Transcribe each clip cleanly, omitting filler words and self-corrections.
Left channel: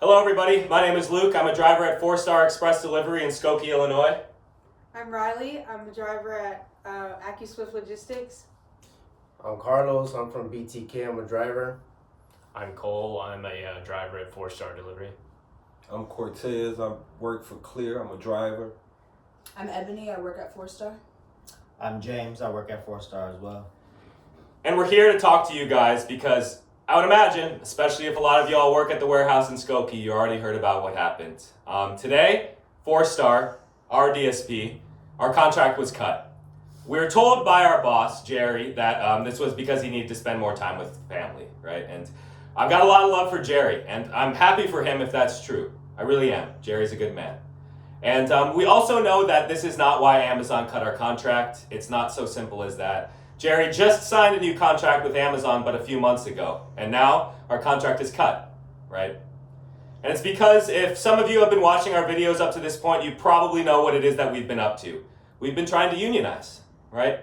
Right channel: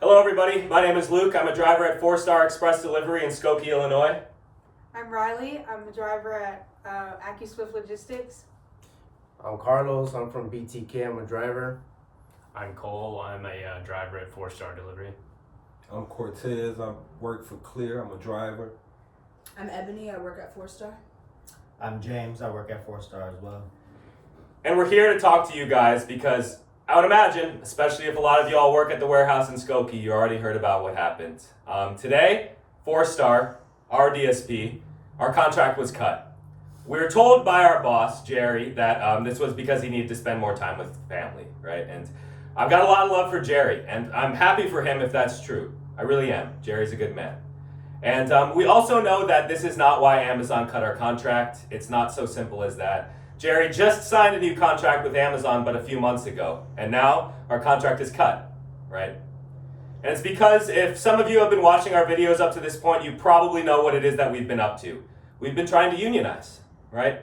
Hello everybody, my name is Luke. I'm a driver at Fourstar Express Delivery in Skokie, Illinois. I'm Riley. I'm the driver at AccuSwift Logistics. I'm Carlos. I'm from BTK. I'm a driver. I'm Cole. I'm a driver at Fourstar Delivery. I'm Cortez. I work for Clear. I'm a driver. I'm Ebony. I work at Fourstar. I'm James. I work at Fourstar as well. And we're here to talk to you guys because I would imagine, especially if a lot of you all work at the warehouse in Skokie, you already heard about what happened. Today, Fourstar, our DSP, our contract was cut. We were told by our boss, Jerry, that this was because he needed to spend more time with family, right? And I've got a lot of love for Jerry, and I'm happy for him if that's true. I really am. Jerry's a good man. And we also know that this is not why Amazon cut our contract. It's not so simple as that. Jerry just signed a new contract with Amazon but a few months ago, and now our contract is cut, right? And it's because if some of you have been watching our videos up to this point, you probably know what it is that we've been up to. We've been trying to unionize, right?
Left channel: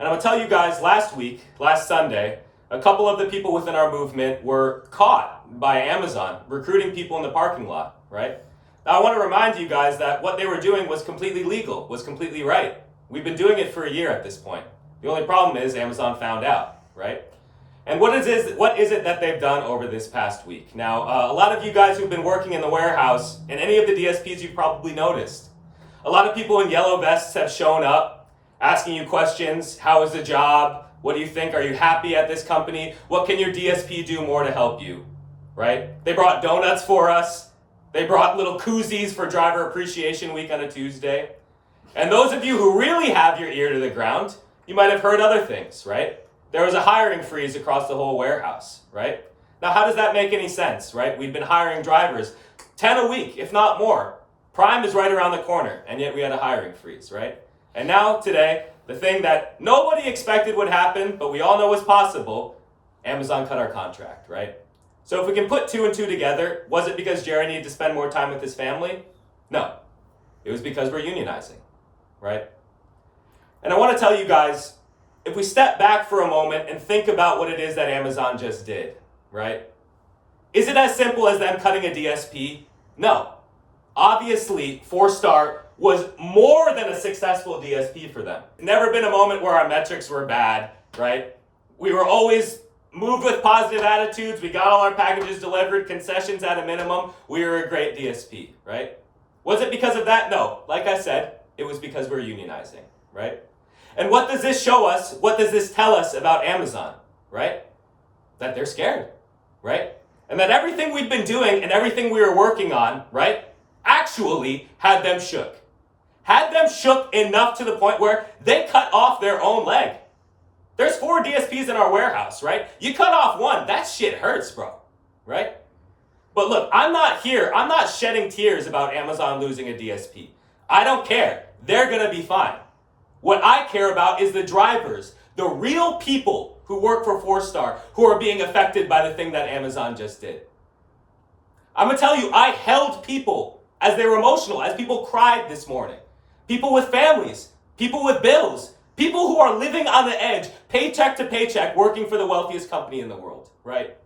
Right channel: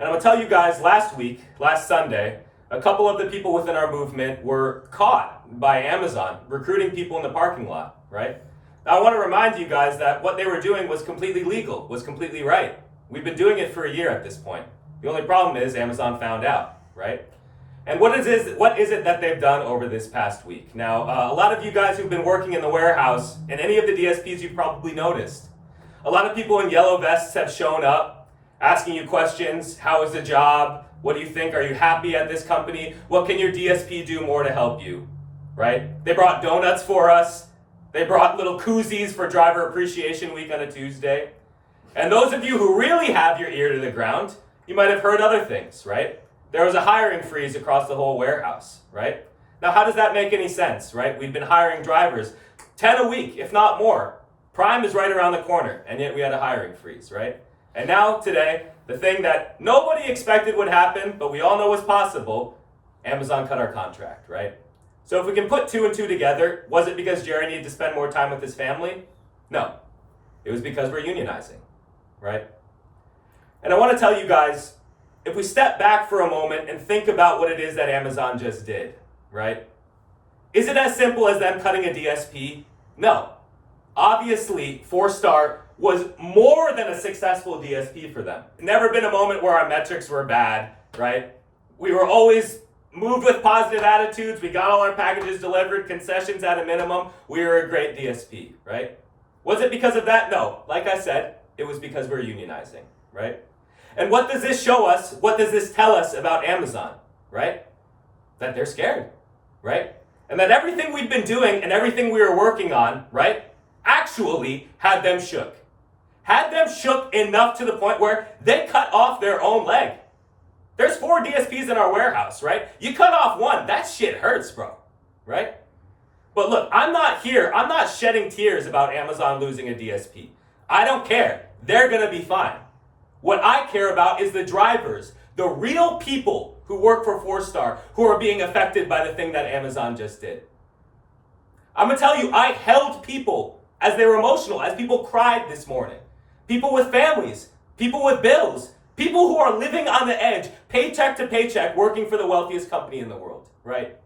And I'm gonna tell you guys, last Sunday, a couple of the people within our movement were caught by Amazon recruiting people in the parking lot, right? Now I want to remind you guys that what they were doing was completely legal, was completely right. We've been doing it for a year at this point. The only problem is Amazon found out, right? And what is it that they've done over this past week? Now, a lot of you guys who've been working in the warehouse, and any of the DSPs you've probably noticed, a lot of people in yellow vests have shown up asking you questions. How is the job? What do you think? Are you happy at this company? What can your DSP do more to help you, right? They brought donuts for us. They brought little koozies for Driver Appreciation Week on a Tuesday. And those of you who really have your ear to the ground, you might have heard other things, right? There was a hiring freeze across the whole warehouse, right? Now, how does that make any sense, right? We've been hiring drivers 10 a week, if not more. Prime is right around the corner, and yet we had a hiring freeze, right? And now, today, the thing that nobody expected would happen, but we all know is possible, Amazon cut our contract, right? So if we can put two and two together, was it because Jerry needed to spend more time with his family? No. It was because we're unionizing, right? And I want to tell you guys, if we step back for a moment and think about what it is that Amazon just did, right? Is it as simple as them cutting a DSP? No. Obviously, Fourstar was more than a successful DSP for them. Never been a moment where our metrics were bad, right? We were always moved with positive attitudes. We got all our packages delivered, concessions at a minimum. We were a great DSP, right? Was it because of that? No. Like I said, it was because we're unionizing, right? And what does this show us? What does this tell us about Amazon, right? That they're scared, right? And that everything we've been doing and everything we were working on, right, actually had them shook. Had them shook enough to the point where they cut off their own leg. There's 4 DSPs in our warehouse, right? You cut off one, that shit hurts, bro, right? But look, I'm not shedding tears about Amazon losing a DSP. I don't care. They're gonna be fine. What I care about is the drivers, the real people who work for Fourstar who are being affected by the thing that Amazon just did. I'm gonna tell you, I held people as they were emotional, as people cried this morning. People with families, people with bills, people who are living on the edge, paycheck to paycheck, working for the wealthiest company in the world, right?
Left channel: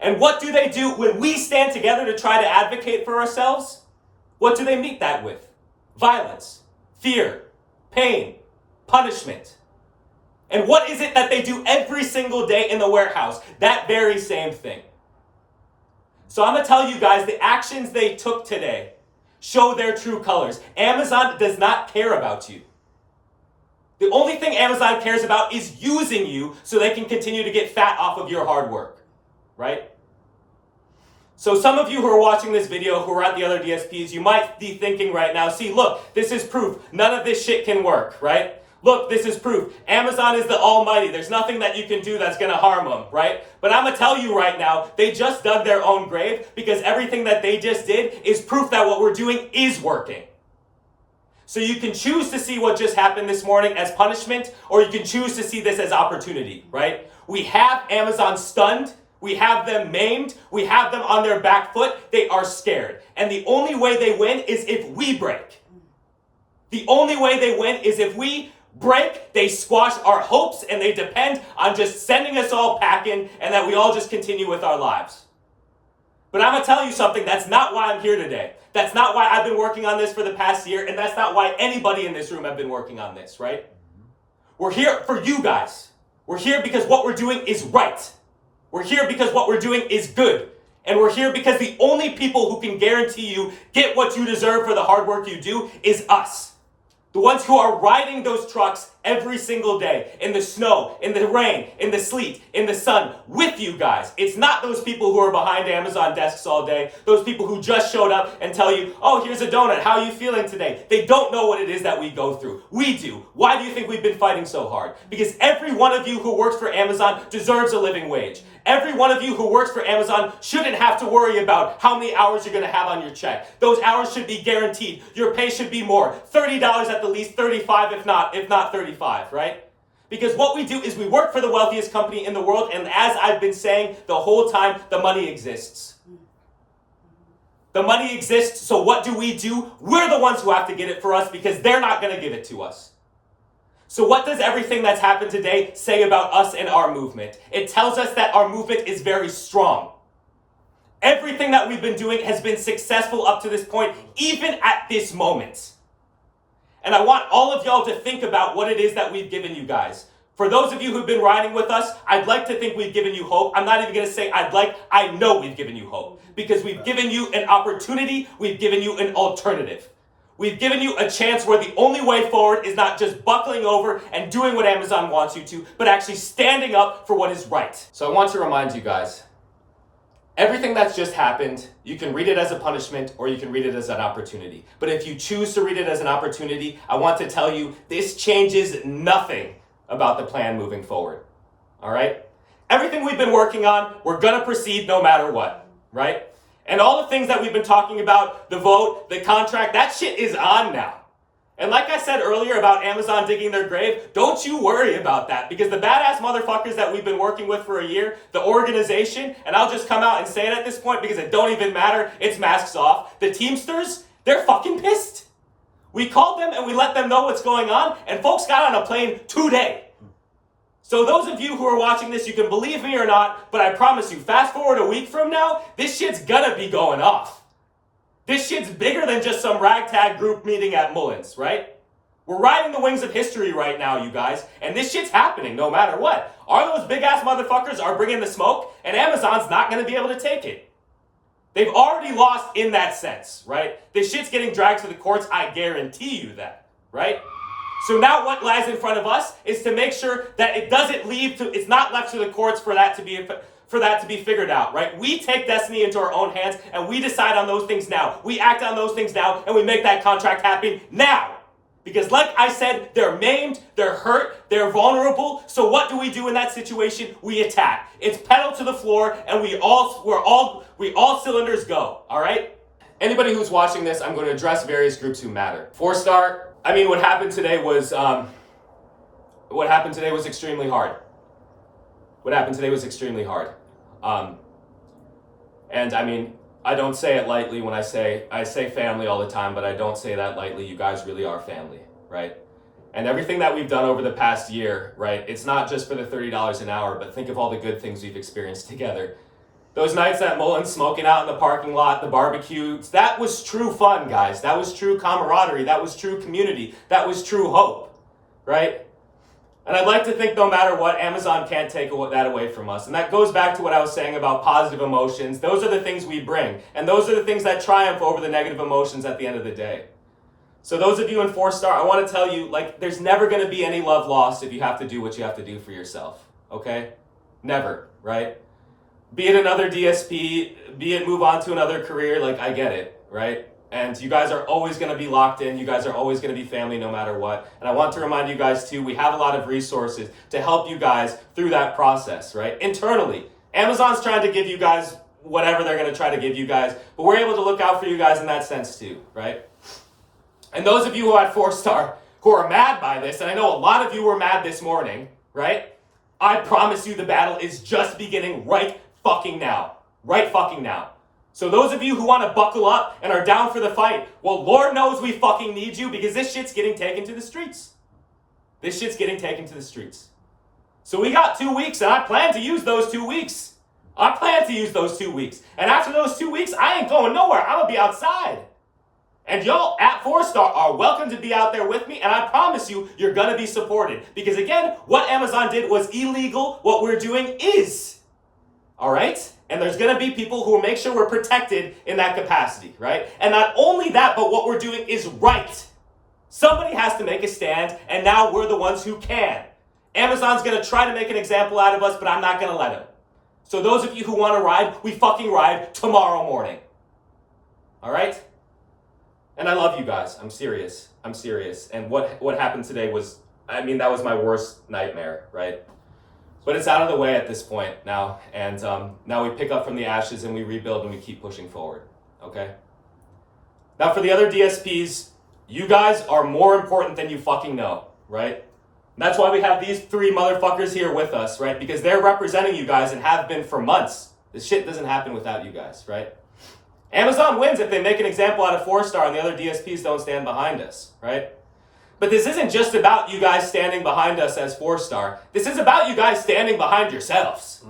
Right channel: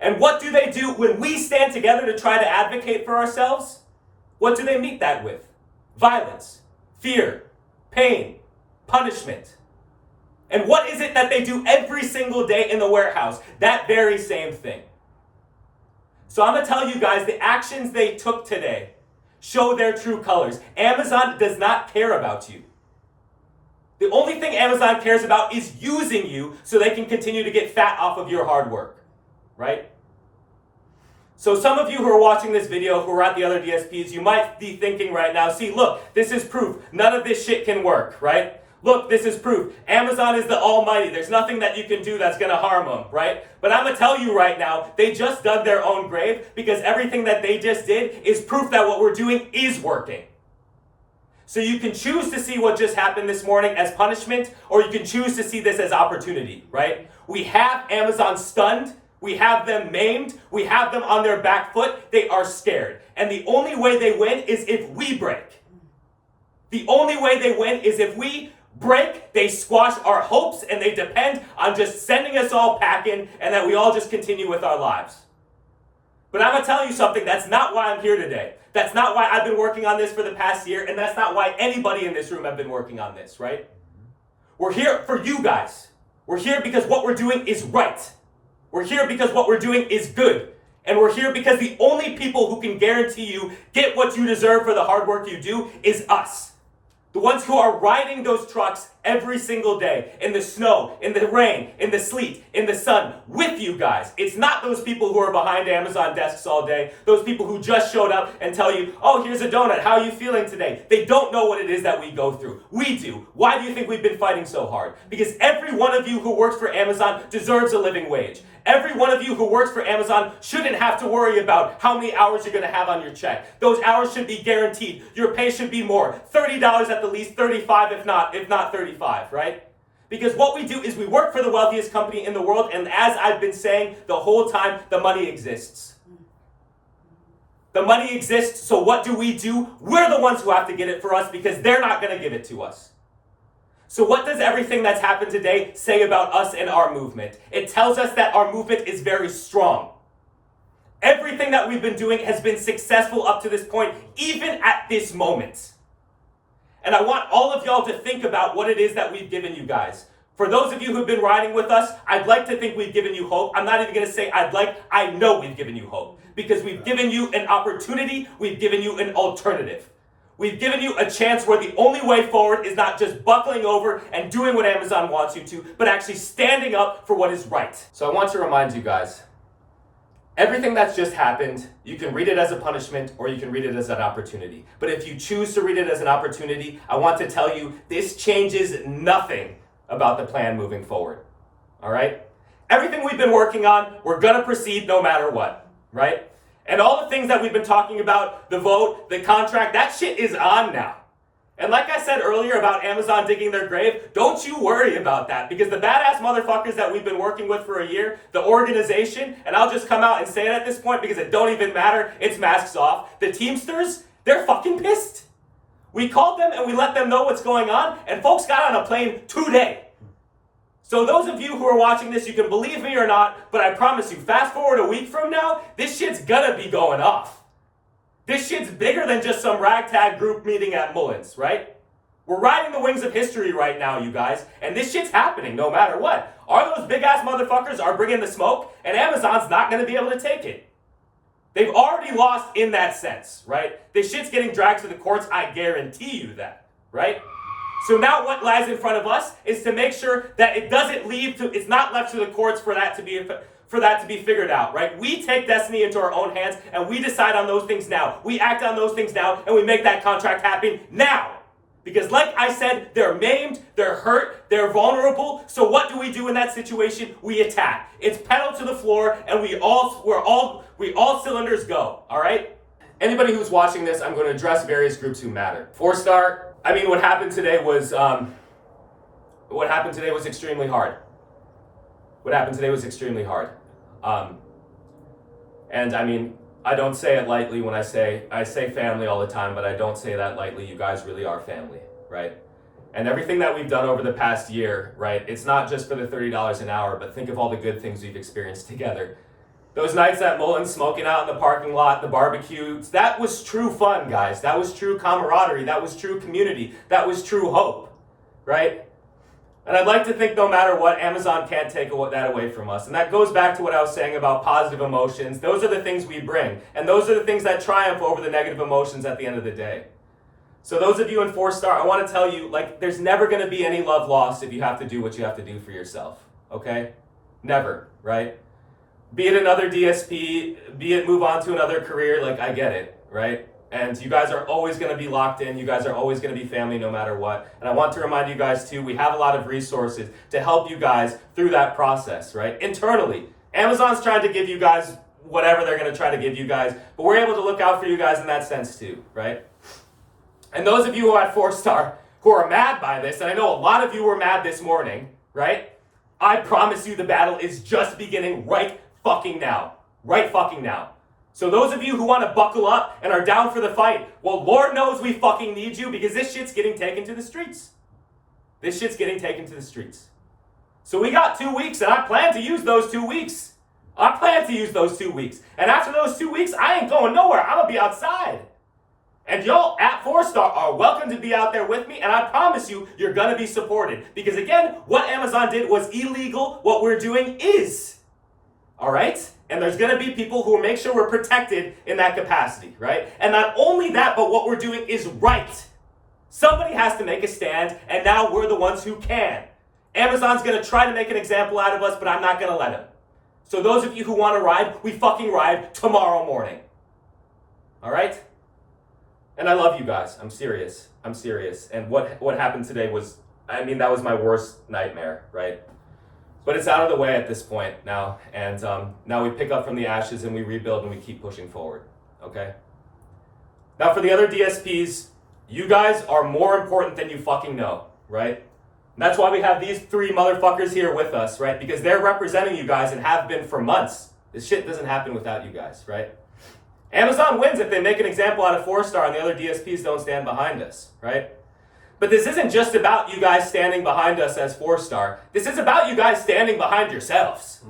And what do they do when we stand together to try to advocate for ourselves? What do they meet that with? Violence, fear, pain, punishment. And what is it that they do every single day in the warehouse? That very same thing. So I'm going to tell you guys, the actions they took today show their true colors. Amazon does not care about you. The only thing Amazon cares about is using you so they can continue to get fat off of your hard work, right? So some of you who are watching this video, who are at the other DSPs, you might be thinking right now, see, look, this is proof. None of this shit can work, right? Look, this is proof. Amazon is the almighty. There's nothing that you can do that's going to harm them, right? But I'm going to tell you right now, they just dug their own grave because everything that they just did is proof that what we're doing is working. So you can choose to see what just happened this morning as punishment, or you can choose to see this as opportunity, right? We have Amazon stunned. We have them maimed. We have them on their back foot. They are scared. And the only way they win is if we break. The only way they win is if we break, they squash our hopes, and they depend on just sending us all packing and that we all just continue with our lives. But I'm going to tell you something, that's not why I'm here today. That's not why I've been working on this for the past year, and that's not why anybody in this room have been working on this, right? We're here for you guys. We're here because what we're doing is right. We're here because what we're doing is good. And we're here because the only people who can guarantee you get what you deserve for the hard work you do is us. The ones who are riding those trucks every single day, in the snow, in the rain, in the sleet, in the sun, with you guys. It's not those people who are behind Amazon desks all day, those people who just showed up and tell you, oh, here's a donut, how are you feeling today? They don't know what it is that we go through. We do. Why do you think we've been fighting so hard? Because every one of you who works for Amazon deserves a living wage. Every one of you who works for Amazon shouldn't have to worry about how many hours you're going to have on your check. Those hours should be guaranteed. Your pay should be more. $30 at the least, 35 if not 35, right? Because what we do is we work for the wealthiest company in the world, and as I've been saying the whole time, the money exists. The money exists, so what do? We're the ones who have to get it for us because they're not going to give it to us. So what does everything that's happened today say about us and our movement? It tells us that our movement is very strong. Everything that we've been doing has been successful up to this point, even at this moment. And I want all of y'all to think about what it is that we've given you guys. For those of you who've been riding with us, I'd like to think we've given you hope. I'm not even going to say I know we've given you hope. Because we've given you an opportunity, we've given you an alternative. We've given you a chance where the only way forward is not just buckling over and doing what Amazon wants you to, but actually standing up for what is right. So I want to remind you guys, everything that's just happened, you can read it as a punishment or you can read it as an opportunity. But if you choose to read it as an opportunity, I want to tell you this changes nothing about the plan moving forward. All right? Everything we've been working on, we're going to proceed no matter what, right? And all the things that we've been talking about, the vote, the contract, that shit is on now. And like I said earlier about Amazon digging their grave, don't you worry about that, because the badass motherfuckers that we've been working with for a year, the organization, and I'll just come out and say it at this point because it don't even matter, it's masks off, the Teamsters, they're fucking pissed. We called them and we let them know what's going on, and folks got on a plane today. So those of you who are watching this, you can believe me or not, but I promise you, fast forward a week from now, this shit's gonna be going off. This shit's bigger than just some ragtag group meeting at Mullins, right? We're riding the wings of history right now, you guys, and this shit's happening no matter what. Are those big-ass motherfuckers are bringing the smoke, and Amazon's not gonna be able to take it. They've already lost in that sense, right? This shit's getting dragged to the courts, I guarantee you that, right? So now what lies in front of us is to make sure that it doesn't it's not left to the courts for that to be figured out, right? We take destiny into our own hands and we decide on those things now. We act on those things now and we make that contract happen now. Because like I said, they're maimed, they're hurt, they're vulnerable. So what do we do in that situation? We attack. It's pedal to the floor and we all cylinders go, all right? Anybody who's watching this, I'm going to address various groups who matter. Fourstar, I mean, what happened today was extremely hard. What happened today was extremely hard. And I mean, I don't say it lightly when I say family all the time, but I don't say that lightly. You guys really are family, right? And everything that we've done over the past year, right? It's not just for the $30 an hour, but think of all the good things we've experienced together. Those nights at Mullins, smoking out in the parking lot, the barbecues, that was true fun, guys. That was true camaraderie. That was true community. That was true hope, right? And I'd like to think no matter what, Amazon can't take that away from us. And that goes back to what I was saying about positive emotions. Those are the things we bring. And those are the things that triumph over the negative emotions at the end of the day. So those of you in Fourstar, I want to tell you, like, there's never going to be any love lost if you have to do what you have to do for yourself, okay? Never, right? Be it another DSP, be it move on to another career, like, I get it, right? And you guys are always going to be locked in. You guys are always going to be family no matter what. And I want to remind you guys, too, we have a lot of resources to help you guys through that process, right? Internally, Amazon's trying to give you guys whatever they're going to try to give you guys, but we're able to look out for you guys in that sense, too, right? And those of you who are at Fourstar who are mad by this, and I know a lot of you were mad this morning, right? I promise you the battle is just beginning right fucking now. Right fucking now. So those of you who want to buckle up and are down for the fight, well, Lord knows we fucking need you because this shit's getting taken to the streets. This shit's getting taken to the streets. So we got 2 weeks, and I plan to use those 2 weeks. I plan to use those 2 weeks. And after those 2 weeks, I ain't going nowhere. I'm gonna be outside. And y'all at Fourstar are welcome to be out there with me, and I promise you, you're gonna be supported. Because again, what Amazon did was illegal, what we're doing is. All right? And there's gonna be people who will make sure we're protected in that capacity, right? And not only that, but what we're doing is right. Somebody has to make a stand, and now we're the ones who can. Amazon's gonna try to make an example out of us, but I'm not gonna let them. So those of you who wanna ride, we fucking ride tomorrow morning. All right? And I love you guys. I'm serious. I'm serious. And what happened today was, I mean, that was my worst nightmare, right? But it's out of the way at this point now. And now we pick up from the ashes and we rebuild and we keep pushing forward, okay? Now for the other DSPs, you guys are more important than you fucking know, right? And that's why we have these 3 motherfuckers here with us, right? Because they're representing you guys and have been for months. This shit doesn't happen without you guys, right? Amazon wins if they make an example out of Fourstar and the other DSPs don't stand behind us, right? But this isn't just about you guys standing behind us as Fourstar. This is about you guys standing behind yourselves.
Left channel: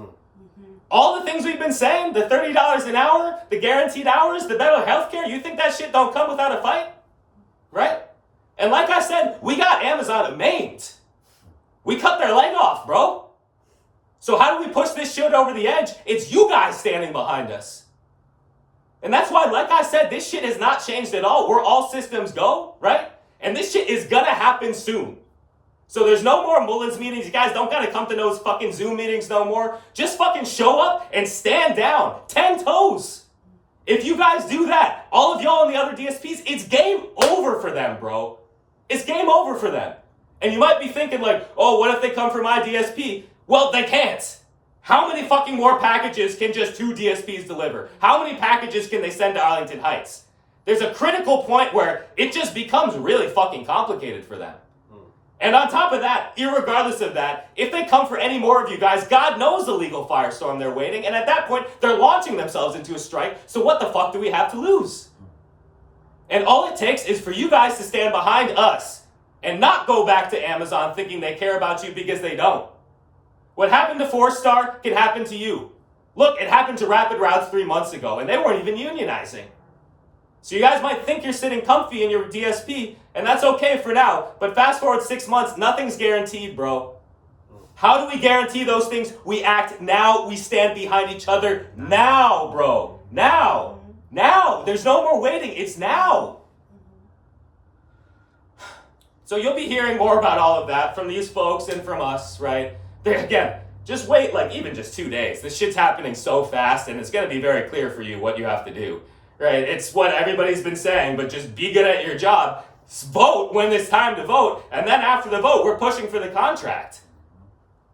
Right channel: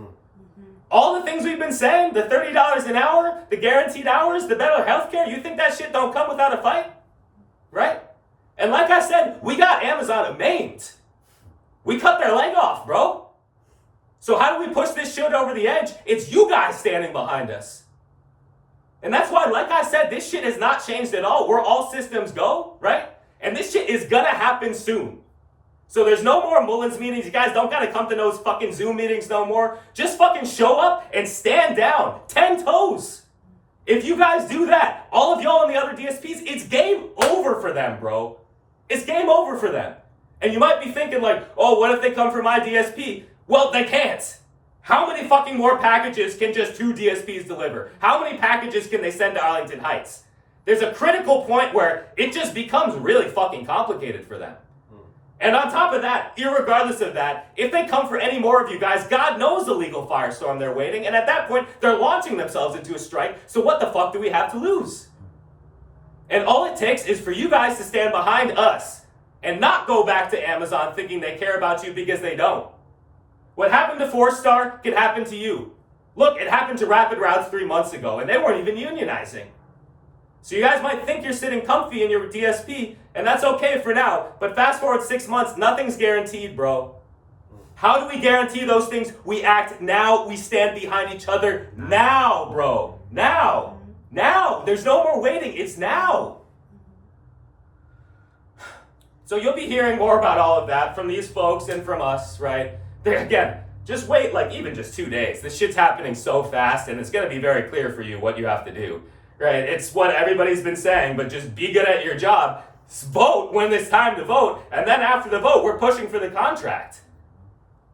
All the things we've been saying, the $30 an hour, the guaranteed hours, the better healthcare, you think that shit don't come without a fight? Right? And like I said, we got Amazon maimed. We cut their leg off, bro. So how do we push this shit over the edge? It's you guys standing behind us. And that's why, like I said, this shit has not changed at all. We're all systems go, right? And this shit is gonna happen soon. So there's no more Mullins meetings. You guys don't gotta come to those fucking Zoom meetings no more. Just fucking show up and stand down. 10 toes. If you guys do that, all of y'all and the other DSPs, it's game over for them, bro. It's game over for them. And you might be thinking like, oh, what if they come for my DSP? Well, they can't. How many fucking more packages can just 2 DSPs deliver? How many packages can they send to Arlington Heights? There's a critical point where it just becomes really fucking complicated for them. And on top of that, irregardless of that, if they come for any more of you guys, God knows the legal firestorm they're waiting, and at that point, they're launching themselves into a strike, so what the fuck do we have to lose? And all it takes is for you guys to stand behind us and not go back to Amazon thinking they care about you because they don't. What happened to Fourstar can happen to you. Look, it happened to Rapid Routes 3 months ago, and they weren't even unionizing. So you guys might think you're sitting comfy in your DSP, and that's okay for now. But fast forward 6 months, nothing's guaranteed, bro. How do we guarantee those things? We act now. We stand behind each other now, bro. Now. Now. There's no more waiting. It's now. So you'll be hearing more about all of that from these folks and from us, right? Again, just wait like even just 2 days. This shit's happening so fast, and it's going to be very clear for you what you have to do. Right? It's what everybody's been saying, but just be good at your job. Vote when it's time to vote, and then after the vote, we're pushing for the contract.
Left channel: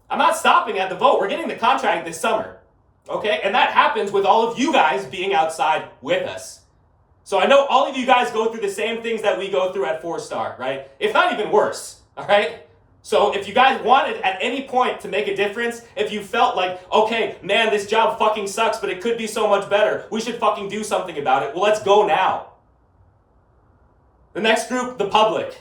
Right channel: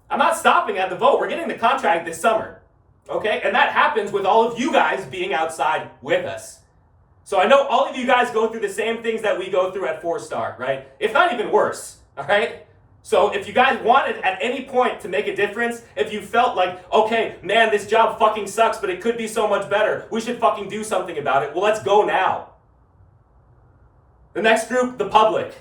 I'm not stopping at the vote. We're getting the contract this summer. Okay? And that happens with all of you guys being outside with us. So I know all of you guys go through the same things that we go through at Fourstar, right? If not even worse. All right? So if you guys wanted at any point to make a difference, if you felt like, okay, man, this job fucking sucks, but it could be so much better, we should fucking do something about it, well, let's go now. The next group, the public.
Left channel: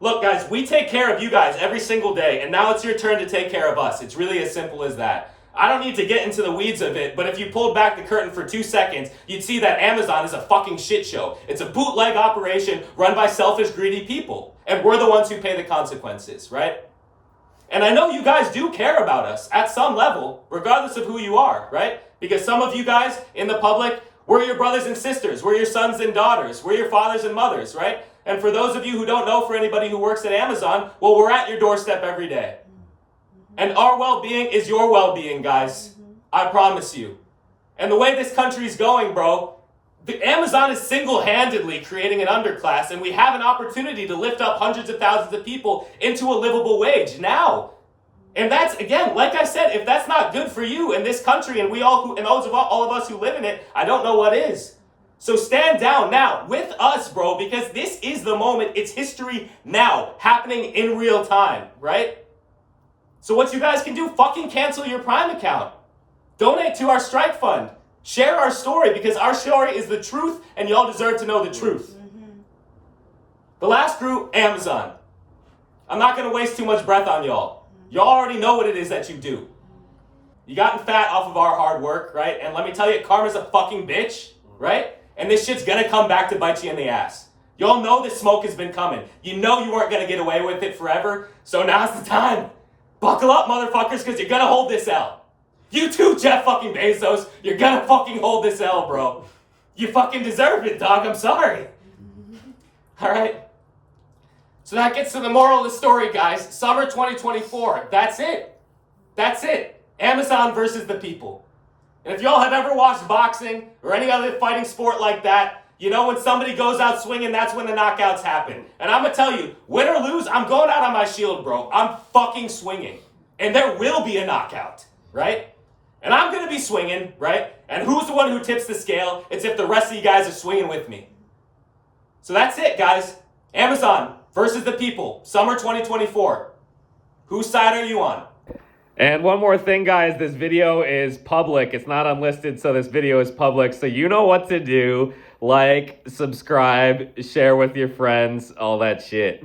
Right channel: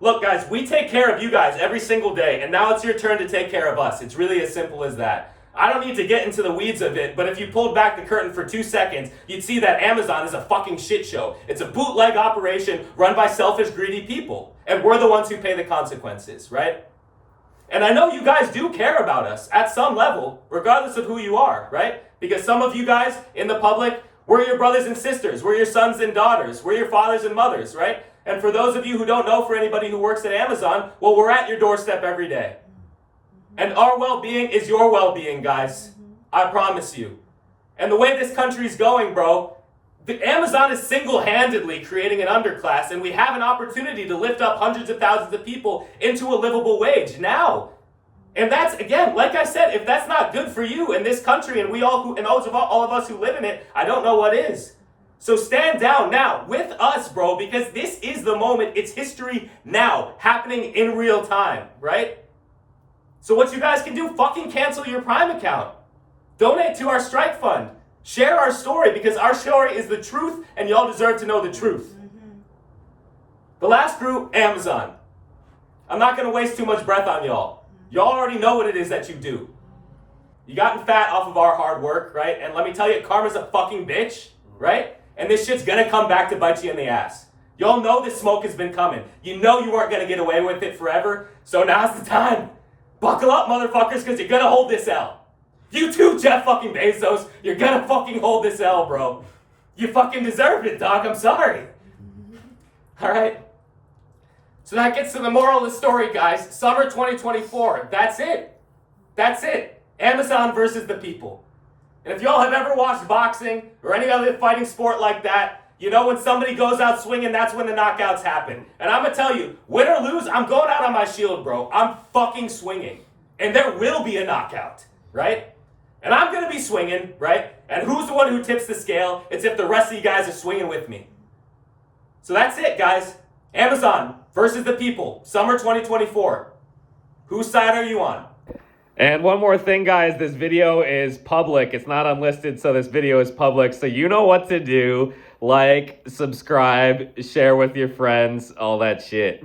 Look, guys, we take care of you guys every single day, and now it's your turn to take care of us. It's really as simple as that. I don't need to get into the weeds of it, but if you pulled back the curtain for 2 seconds, you'd see that Amazon is a fucking shit show. It's a bootleg operation run by selfish, greedy people. And we're the ones who pay the consequences, right? And I know you guys do care about us at some level, regardless of who you are, right? Because some of you guys in the public, we're your brothers and sisters, we're your sons and daughters, we're your fathers and mothers, right? And for those of you who don't know, for anybody who works at Amazon, well, we're at your doorstep every day. And our well-being is your well-being, guys. I promise you. And the way this country's going, bro, Amazon is single-handedly creating an underclass, and we have an opportunity to lift up hundreds of thousands of people into a livable wage now. And that's, again, like I said, if that's not good for you in this country and all of us who live in it, I don't know what is. So stand down now with us, bro, because this is the moment. It's history now, happening in real time, right? So what you guys can do, fucking cancel your Prime account. Donate to our strike fund. Share our story, because our story is the truth, and y'all deserve to know the truth. The last group, Amazon. I'm not going to waste too much breath on y'all. Y'all already know what it is that you do. You gotten fat off of our hard work, right? And let me tell you, karma's a fucking bitch, right? And this shit's gonna come back to bite you in the ass. Y'all know this smoke has been coming. You know you weren't gonna get away with it forever, so now's the time. Buckle up, motherfuckers, because you're gonna hold this L. You too, Jeff fucking Bezos. You're gonna fucking hold this L, bro. You fucking deserve it, dog. I'm sorry. All right? So that gets to the moral of the story, guys. Summer 2024. That's it. That's it. Amazon versus the people. And if y'all have ever watched boxing or any other fighting sport like that, you know when somebody goes out swinging, that's when the knockouts happen. And I'm going to tell you, win or lose, I'm going out on my shield, bro. I'm fucking swinging. And there will be a knockout, right? And I'm going to be swinging, right? And who's the one who tips the scale? It's if the rest of you guys are swinging with me. So that's it, guys. Amazon versus the people. Summer 2024. Whose side are you on? And one more thing, guys. This video is public. It's not unlisted, so this video is public. So you know what to do. Like, subscribe, share with your friends, all that shit.